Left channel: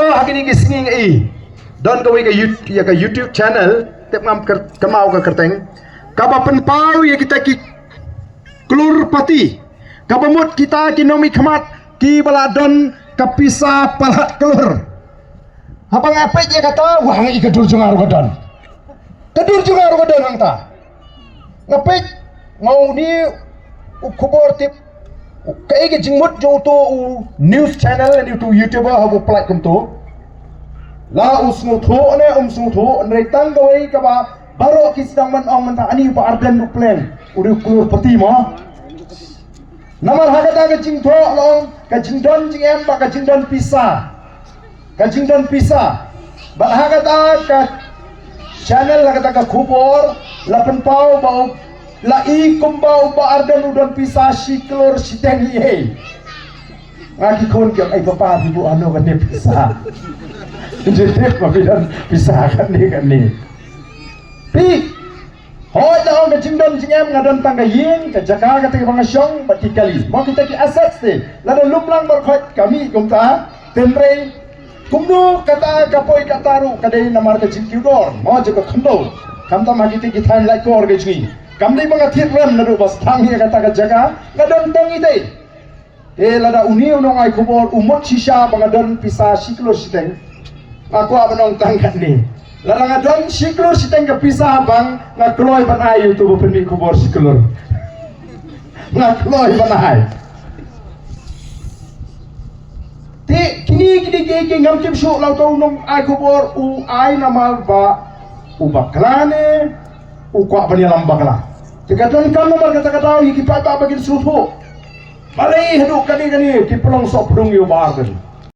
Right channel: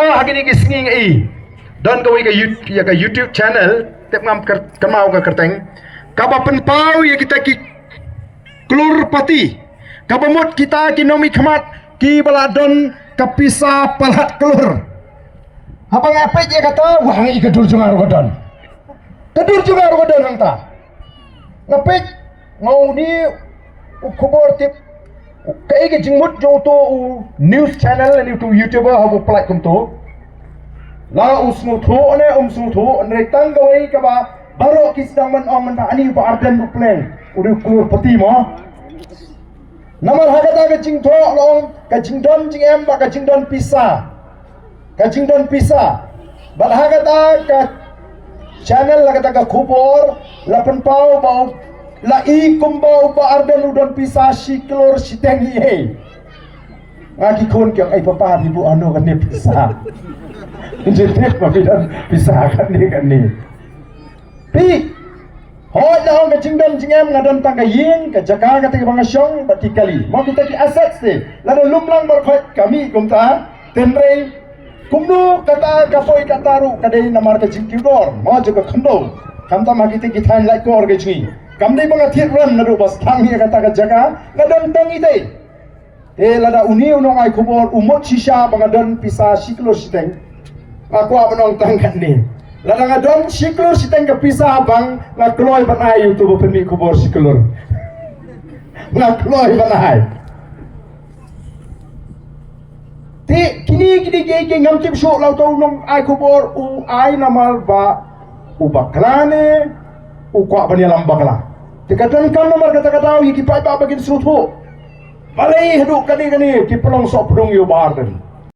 oh hari ni singing don kau ke YouTube channel tep ngam kemau ke kerteng kaba penpau ya kita ki kelur pati kabamut kita ki nomi khamat ki baladon kapisa palat kelur apa ngapai dia kata wangi kedur jungar godon hang ta ngapai ngau ni ukubor tip kai ke jingmut jo to news channel ni tu YouTuber habu plat kum to la usmu tho ane usmu tho ne tang gawai ka ba baro ki sedang man ong ta ani ba arden pleng uri kulur pati mo namar hagata ka jing tho long ka jing don jing em ba ka jing don pisa ba hagata ka channel la kata ka khubor la pen pau bau la i kumbau ba arden udon pisa siklor siteng ye ngaki kon ke ai papa ibu ano kan ni pisa jadi mabidan pisa kan ni pi hoi dah ke jingdon jingem ngadon tangga yin ke jaga kata ke bangasyong bati kali mau kita ki aset se lalu lumlang berkhot kami kumta tenre kumdu kata kapoi kataru kadai namar ke jingkidor mau juga khendo kamta magite ki thain lai ko orge jing kamdai banga thirram naru bas thangi kata ke jaga ngadon tangi dei lada uni unong ai kubor umot sisa bangadon pisa siklor siteng aku abang tangkat ni lada ngadon siklor siteng ke pisa bang ngakloi banai YouTube pendi kubor siklor ngakloi banai ti kini ke ngam tim syuk lau tau unong ai kubor u ai namal ba u baklane u kwa bani lambakla tikadon kan nomor kata-kata iki pai ba bagi sutu balai hidup kani ki pelong sok pelong yo bargen